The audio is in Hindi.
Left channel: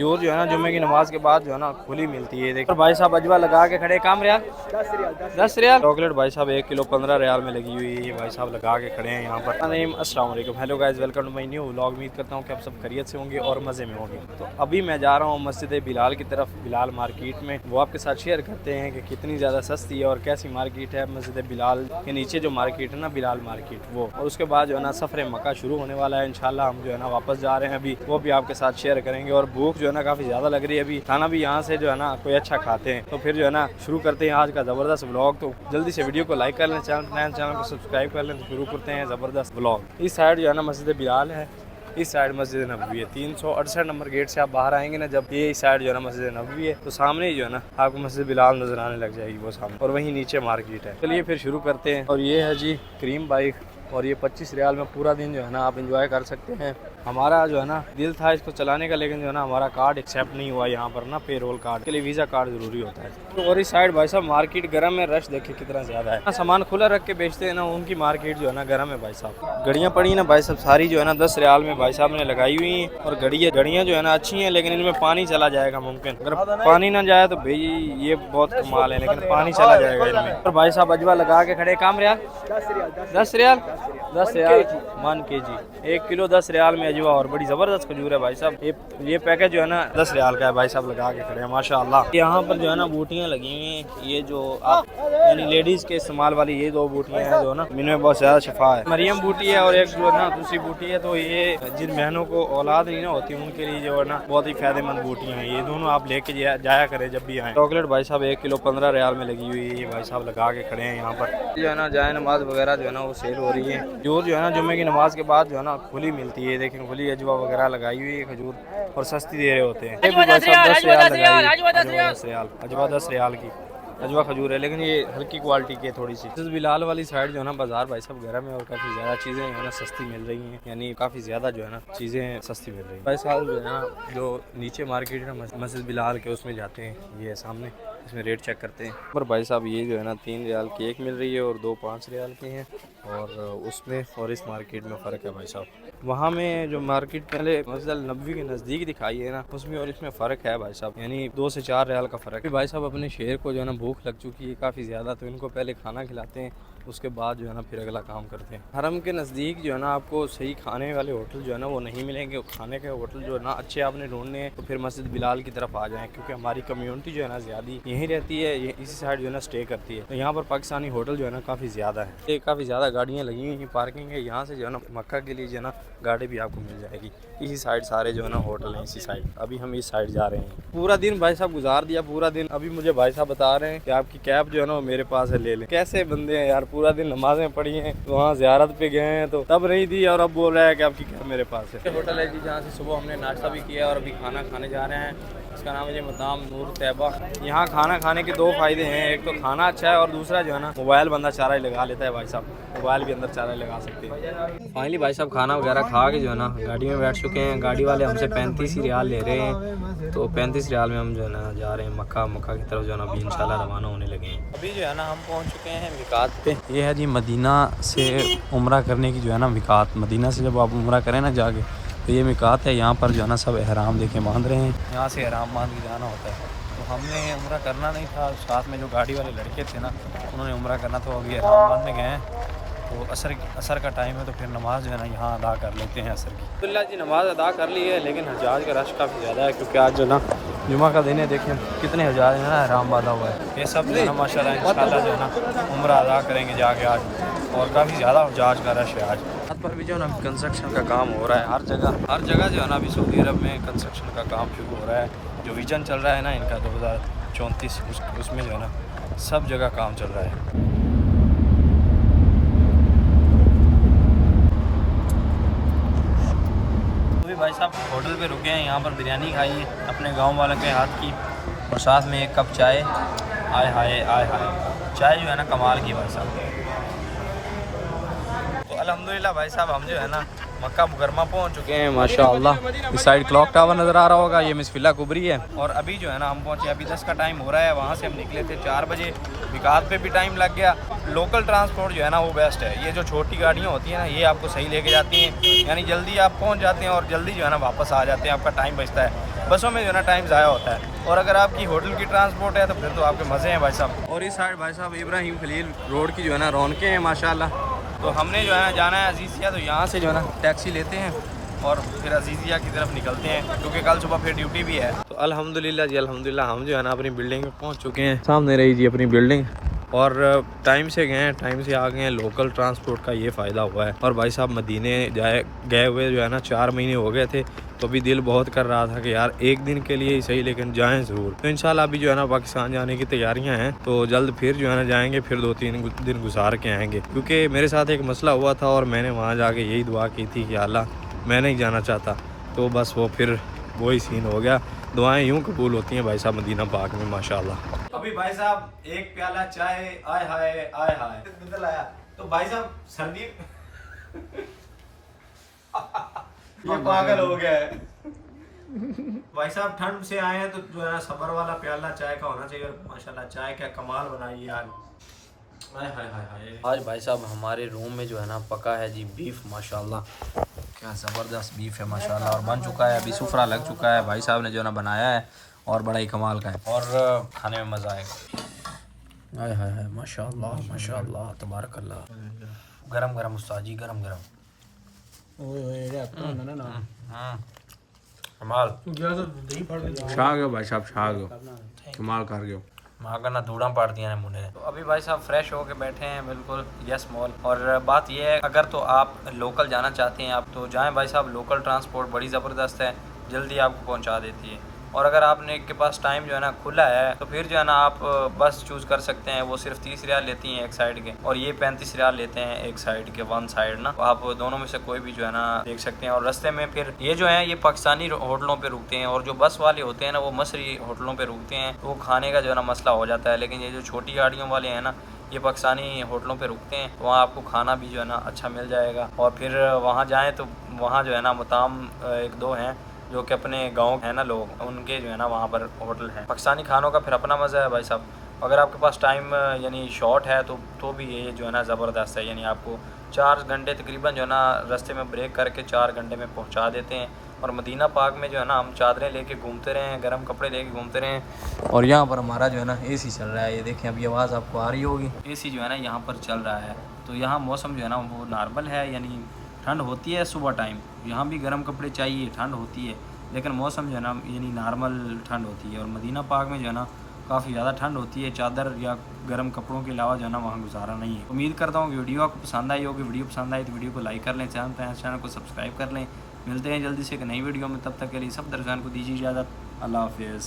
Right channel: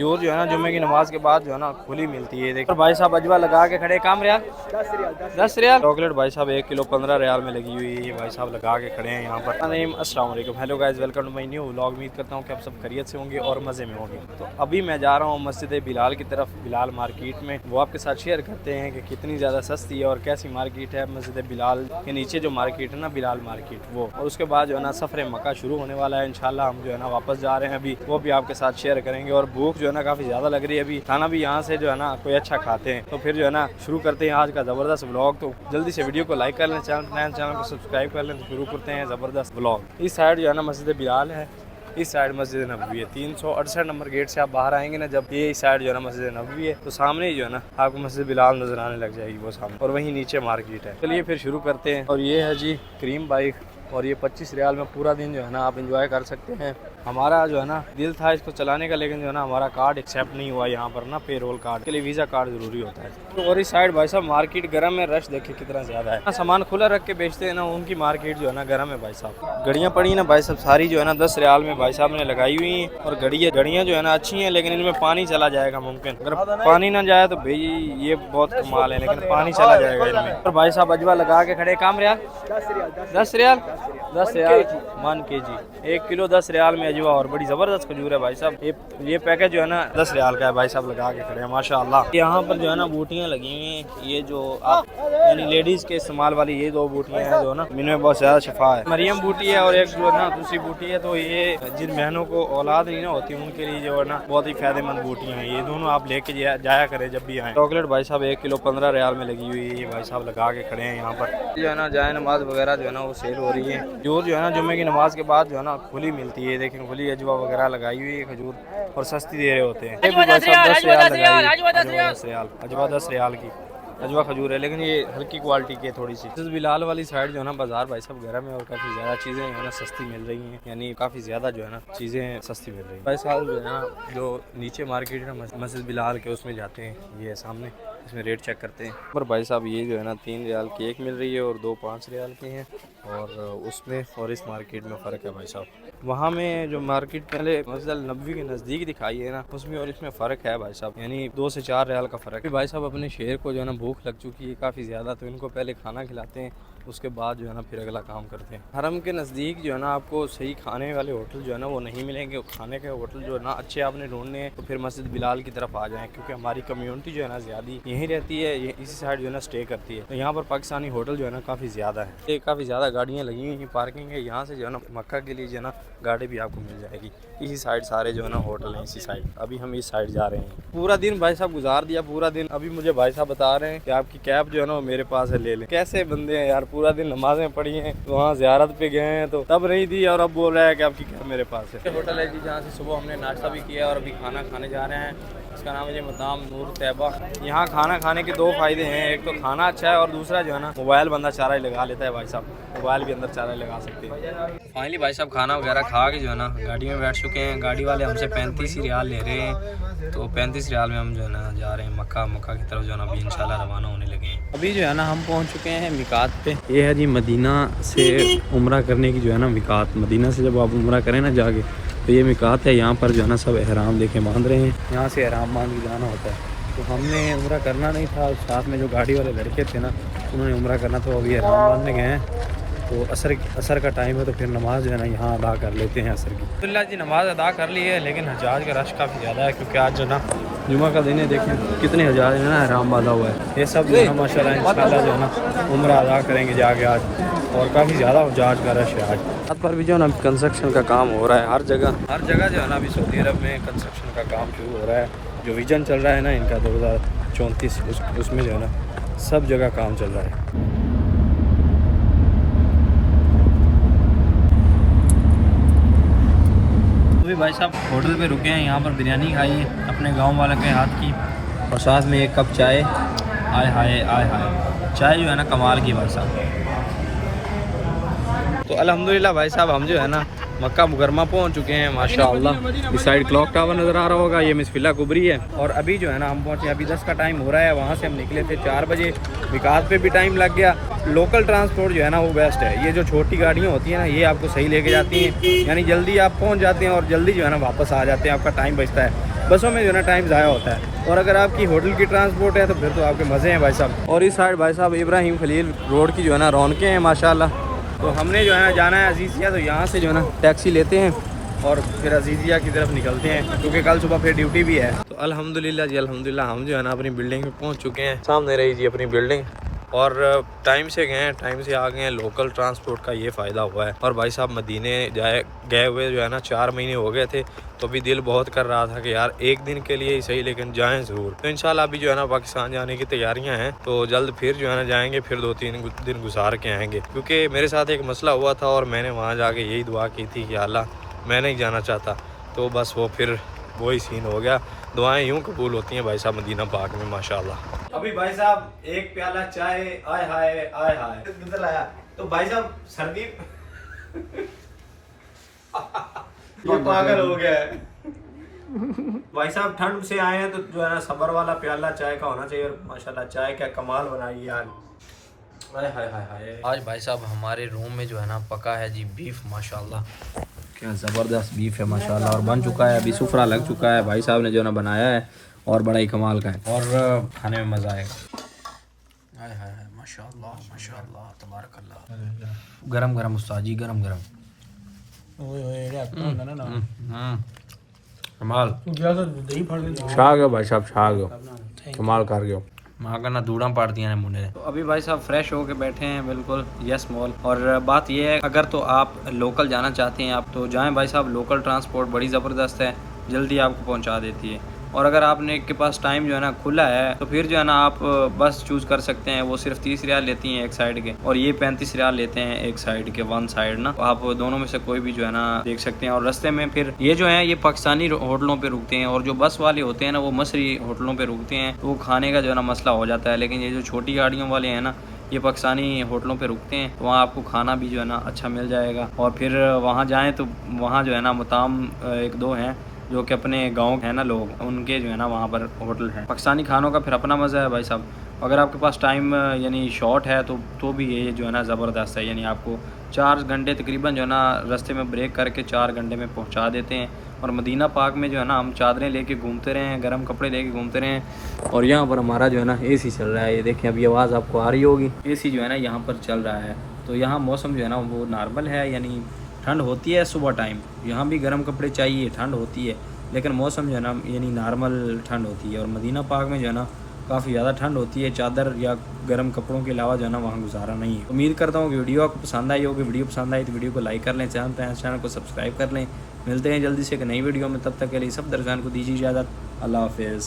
जो है ना जुम्मे की नमाज के बाद जो है ना खुली मिलती है। देखो भाई साहब अजवा लगा के खड़े, काम रियाल 10 रियाल। चॉकलेट भाई साहब 1 किलो 15 रियाल में लगी हुई है। भाई साहब लगा के खड़े हैं यहाँ पर। अस्सलाम वालेकुम, hello guys, welcome to my new vlog. उम्मीद करता हूँ कि आप सब खैरियत से होंगे और मज़े में होंगे। तो अभी मैं जा रहा हूँ मस्जिद बिलाल की तरफ, बिलाल मार्केट में। वो आपके साथ शेयर करते हैं कि कितनी ज़्यादा सस्ती है और कैसी मार्केट है मस्जिद बिलाल के नीचे जो मार्केट है ना, बिलाल मार्केट वो। और उसके बाद जो है ना सफ़र मक्का शुरू होने वाला है इंशाल्लाह। हम जो है ना वापस जा रहे हैं अभी, वो भी आपके साथ शेयर करेंगे। और भूख जो है ना काफ़ी ज़्यादा लग रही है, अभी खाना भी यहाँ से जो है ना कोई अच्छा खाते हैं। तो फिर जो है ना शुरू करते हैं आज का ज़बरदस्त व्लॉग। तो जल्दी से वीडियो को लाइक कर लें, चैनल को सब्सक्राइब कर लें। तो शुरू करते हैं ज़बरदस्त व्लॉग। इस साइड जो है ना मस्जिद बिलाल है, इस साइड मस्जिद नबवी है। 368 नंबर गेट से आप बाहर आएंगे ना, जब ये इस साइड जो है ना मस्जिद नबवी है, तो सामने ही जो है ना आपको मस्जिद बिलाल नजर आने लग जाएगी वो सामने, और वहीं नीचे मार्केट है। चलिए फिर शुरू करते हैं। और ये है जी क्रीम बाइक, और ये 25 रियाल में पूरा दिन जो है ना आप एंजॉय कर सकते हैं। हमारा जो है ना दिल था इसको चलाने का, लेकिन जो है ना हमारा कार्ड एक्सेप्ट नहीं हुआ यहाँ पर ना, पेरोल कार्ड के लिए वीज़ा कार्ड ज़रूरी होता है। तो और इस साइड भाई साहब मार्केट गर्म है, रश देखिए कितना ज़्यादा है। सामान खुला रख के बेचते हैं ना, उनकी मार्केट जो है ना गर्म है भाई साहब। गड़ियाँ पड़ी ना भाई साहब सारी जो है ना 10 रियाल में भाई साहब ने लगाई हुई हैं। और गड़ियाँ जो है ना अच्छी हैं, लेकिन इनमें पानी चला जाएगा मुमकिन। अगर पानी ना जाए तो भाई ये बहुत कमाल है, लेकिन पानी चला जाएगा इनमें। और भाई साहब अजवा लगा के खड़े, काम रियाल 10 रियाल 10 रियाल 1 kg 1 किलो 10 रियाल में अजवा। और बड़ी ज़बरदस्त खजूर है भाई साहब। ये पैकेज जो है ना 10 रियाल का है। भाई साहब लगा के खड़े हैं माशाल्लाह। यहाँ पर जो है ना बूटियाँ लगी हुई हैं, ये जो आप यानी लेडीज़ के इस्तेमाल वाली ये 2 बूटियाँ हैं जो ना, इनमें बहुत ज़्यादा शिफा है। मरियम बूटी है और एक जो है ना दूसरी बूटी है। तो ये जिन बहनों को औलाद नहीं ना होती उनके लिए जो है ना बहुत ही फायदेमंद बूटियाँ हैं। ये दोनों आप लेके जाया करें जब भी आए। चॉकलेट भाई साहब 1 किलो 15 रियाल में लगी हुई है। भाई साहब लगा के खड़े हैं यहाँ पर। जो है ना जाए नमाज वगैरह जो है ना वो सेल हो रही है। जो है ना जुम्मे की नमाज के बाद जो है ना खुली मिलती है। देखें खुली अजवा वगैरह लगाई हुई है खजूर, और सस्ती दे रहे होते हैं। अजवा 10 रियाल की अजवा खजूर है, लेकिन ये हल्की क्वालिटी की है थोड़ी सी। बिलाल वाली साइड जो है ना बाजार भाई साहब गर्म है, और काफ़ी ज़्यादा चीज़ें जो है ना सस्ती मिल रही हैं, यानी काफ़ी ज़्यादा जो है ना चीज़ें सस्ती मिल रही हैं। भाई साहब जो है ना जो नीचे मार्केट है मस्जिद बिलाल के, उसमें जाते हैं, ये सामने इसमें रेट चेक करते हैं। पर भाई साहब ये जो है ना 3 रियाल की एक मिल रही है और 2 5 रियाल की हैं, और उसमें और इस मार्केट में फ़र्क है भाई साहब। वहाँ में जो मार्केट पहले मस्जिद नबवी के नज़दीक दिखाई है ना, उसमें और इसमें फ़र्क है भाई साहब, यानी 2 से 4 रियाल का फ़र्क है। भाई साहब अपने शेर को जो है ना भूख लग चुकी है काफ़ी ज़्यादा, तो इनको पहले खाना खिलाते हैं, उसके बाद जो है ना फिर अगला काम करते हैं। हरम के नज़दीक जो है ना आपको सही खाने वाले होटल जो है ना वो नहीं मिलेंगे। खाने के होटल जो है ना अच्छे आपने ढूंढने हैं तो फिर मस्जिद बिलाल की तरफ आ जाएं, क्योंकि हमारी कम्युनिटी जो है ना ज़्यादा यहीं रहती है, ये इसी साइड जो है ना स्टे करती है। तो यहाँ पर पाकिस्तानी होटल जो है ना काफ़ी ज़्यादा है। ये काफ़ी ज़्यादा गाड़ियाँ लगी हुई हैं, पार्किंग है। यहाँ से जो है ना मक्का के लिए जो है ना गाड़ी भी आपको मिल जाएगी। इसी साइड सारे जो है ना होटल हैं इसी साइड। अभी हम इस साइड जा रहे हैं। पूरा दिन भाई साहब गुजार दिया, पूरा दिन। अभी मुझे भाई साहब बता रहे हैं कि आपकी कैब जो है ना वो मेरे पास है, ले लें। कैसे बंदे हैं यार, पूरा दिन नमाजें पढ़ी हैं, वहाँ ज़ियारत पे गए हैं तो तब नहीं दी, और अब बोल रहा है कि आपकी कैब मेरे पास है। होटल है जी जहाँ से सुबह हमने नाश्ता भी किया और अभी खाना खाने जा रहे हैं। इसका नाम है जी मदाम नूर तैयबा। यहाँ खाना खाने के 2 फ़ायदे हैं, एक तो खाना अच्छा है, और दूसरा जो है ना मोबाइल बंदा चारा ही लगा लेता है भाई साहब, मोबाइल भी अंदर चारा लगा सकते हैं। फाइनली भाई साहब खाना वगैरह खा के जो है ना गाड़ी में बैठ चुके हैं। गाड़ी वाले हमसे 35 रियाल ले रहे हैं, तो 35 रियाल में हम जो है ना जा रहे हैं मक्का की तरफ, जो है ना अभी इंशाल्लाह रवाना होने लगे हैं। अभी जो है ना हम पहुँच चुके हैं मिकात पे। ये है जी मदीना से उम्रा करने की जो है ना मिकात। मदीना से जब आप उम्रा करें ना जाके, तो ये मिकात है। यहाँ पर जो है ना सब एहराम देखे बांध रहे हैं, यहाँ से एहराम बांध के जाना होता है। तो हमने उम्रा करना नहीं था, साथ में जो गाड़ी वाले लड़के थे ना उन्होंने उम्रा करना, तो अभी एहराम बांधने गए हैं। तो असर का टाइम है, तो फिर नमाज जो है ना यहाँ अदा कर लेते हैं असर की। अल्लाह जी नमाज अदा कर ली है, लेकिन हजाज का रश काफ़ी ज़्यादा है, क्योंकि आज जो ना जुमा का दिन है। देखें कितने हज़ार है ना एहराम बांधा हुआ है। ये सब जो है ना माशाल्लाह इंशाल्लाह जो है ना उम्रा अदा करेंगे जाके आज, और काफ़ी ज़्यादा हजाज का रश है आज। यहाँ पर भी जो है ना कंस्ट्रक्शन का काम हो रहा है हर जगह जो है ना अभी सऊदी अरब में कंस्ट्रक्शन का काम शुरू हो रहा है। जो विजन चल रहा है ना इनका 2034, उसमें जो है ना सब जगह काम चल रहा है। भाई साहब होटल पे रुके हैं, यहाँ पर बिरयानी खाई है अपने गांव वाले के हाथ की, और साथ में 1 कप चाय। आय हाय आय हाय, चाय जो है ना कमाल की भाई साहब। तो अल्हम्दुलिल्लाह भाई साहब हम जो है ना मक्का मुकरमा पहुंच चुके हैं माशाअल्लाह। इस साइड क्लॉक टावर नज़र आ रहा होगा, ये मिसफिल्ला कुबरी है। और अभी जो है ना हम पहुंचे, अभी 10 का टाइम हो रहा है। वहाँ से हम निकले थे 4 बजे। विकास पे भी टाइम लग गया। लोकल ट्रांसपोर्ट जो है ना वो बेस्ट है। ये जो छोटी गाड़ियाँ होती हैं ना ये आपको सही लेके जाती हैं, यानी जल्दी आप पहुँच जाते हैं और जल्दी जो है ना वापस आ जाते हैं, आपका टाइम बचता है। बसों में जो है ना टाइम ज़ाया होता है। और अगर आपकी होटल की ट्रांसपोर्ट है तो फिर तो आपके मज़े हैं भाई साहब। और इस साइड भाई साहब इब्राहिम खलील रोड की जो है ना रौनकें हैं माशाल्लाह। तो हमने जो है ना जाना है अजीज़िया, तो यहाँ से जो है ना टैक्सी लेते हैं और फिर अजीज़िया की तरफ निकलते हैं, क्योंकि कल सुबह फिर ड्यूटी भी है। तो अल्हम्दुलिल्लाह जी अल्हम्दुलिल्लाह हम जो है ना अपनी बिल्डिंग पे पहुँच चुके हैं। सामने रही जी अपनी बिल्डिंग, और टाइम से गए हैं, टाइम से आ गए हैं। लोकल ट्रांसपोर्ट का ये फ़ायदा हुआ है। और भाई साहब मदीने गए हुए जो है ना 4 महीने हो गए थे, तो भी दिल बहुत कर रहा था कि यार एक दिन के लिए ही सही लेकिन जाएं ज़रूर। तो इंशाल्लाह अभी जो है ना पाकिस्तान जाने की तैयारियां हैं, तो जल्द फिर जो है ना जाएंगे, फिर 2-3 दिन गुजार के आएंगे। क्योंकि मेरे साथ एक मसला हुआ था और मैंने वहाँ जाके यही दुआ की थी कि अल्लाह मैं नहीं जाना चाहता, तो बस वो फिर वही सीन हो गया। दुआएं यूँ कबूल होती हैं भाई साहब मदीना पाक में माशाल्लाह। अभी भाई साहब एक प्याला चाय, आय हाय आय हाय किधर लाया। तो भाई साहब सर्दी ये पागल हो गया है भाई साहब। ठंड से आए हैं तो जो है ना सबर वाला प्याला चाय का होना चाहिए। माशाल्लाह चाय क्या कमाल बनाई यार। हाय हाय हाय हाय। आज भाई साहब हमारे रूम में जो है ना पका है जी बीफ, माशाल्लाह क्या ज़बरदस्त बीफ है माशाल्लाह। और बन चुका है, अभी सुफरा लग चुका है, भाई साहब ने जो है ना बनाया है और बड़ा ही कमाल का है और खाने में मज़ा आएगा। हाय हाय हाय माशाल्लाह माशाल्लाह तबारकल्लाह। गरम गरम उस्ताद जी, गरम गरम कमाल। छा गयो भाई साहब, छा गयो, कमाल कर गयो। माँ का ना दूड़ा पाड़ दिया ने मुंडे। तो अभी भाई साहब फ्रेश होके बैठे हैं बिल्कुल यस मॉल। और बात यह है अगर तो आप लोकल जाना चाहते हैं आप तो जाएं भाई साहब। लोकल ट्रांसपोर्ट बड़ी ज़बरदस्त है, जल्दी आपको पहुंचा देती है। और अगर आपने के पास टाइम जो है ना खुला है तो फिर जो है ना आप बस चूज़ कर सकते हैं। वो सिर्फ 30 रियाल लेती हैं एक साइड के, और ये 35 रियाल लेते हैं एक साइड के, वन साइड ना। तो आप दोनों में से कोई भी जो है ना देख सकते हैं। और रास्ते में फिर ये जो है ये पाकिस्तानी होटलों पे रुकते हैं, और जो बस वाले होते हैं ना वो मसरी होटलों पे रुकते हैं। तो वो खाने का जो है ना मसला हो जाता है। लेकिन ये जो छोटी गाड़ियों वाले हैं ना ये पाकिस्तानी होटलों पे रुकते हैं, तो वहाँ आपको खाना भी जो है ना अच्छा मिल जाएगा। और फिर वहाँ जाएँ तो वहाँ जो है ना मुताम 1-2 हैं जो कि अपने गांव है ना लोग, उनके जो है ना वहाँ पर होटल है। पाकिस्तानी खानों का फिर अपना मज़ा है भाई साहब। अगर आपके पास टाइम यानी शॉर्ट है तो भी ये जो है ना ज़बरदस्त है। यानी आपको 4 घंटे तकरीबन जो है ना रास्ते में ब्रेक करके 4 घंटे में पहुँचा देते हैं। और मदीना पाक में जो है ना हम चादरें लेके घूमते रहे हैं, गर्म कपड़े लेके घूमते रहे हैं। और यहाँ पर हमारा जो है ना AC चल रहा है, ये देखें अभी आवाज़ आपको आ रही होगी। AC जो है ना यहाँ पर चल रहा है। तो यहाँ मौसम जो है ना वो नॉर्मल है, यानी ठंड होती है सुबह टाइम, यहाँ भी गर्म कपड़े चाहिए, ठंड होती है, लेकिन मौसम जो है ना यानी नॉर्मल ठंड होती है। और मदीना पाक में जो है ना काफ़ी ज़्यादा ठंड होती है, चादर या गर्म कपड़ों के अलावा जो है ना वहाँ गुजारा नहीं है। उम्मीद करता हूँ कि वीडियो आपको पसंद आई होगी। वीडियो पसंद आई तो वीडियो को लाइक कर लें, चैनल को सब्सक्राइब कर लें। मिलते हैं जल्दी से एक नई वीडियो में, तब तक के लिए सब दर्शकों को दीजिए इजाज़त। अल्लाह हाफिज़।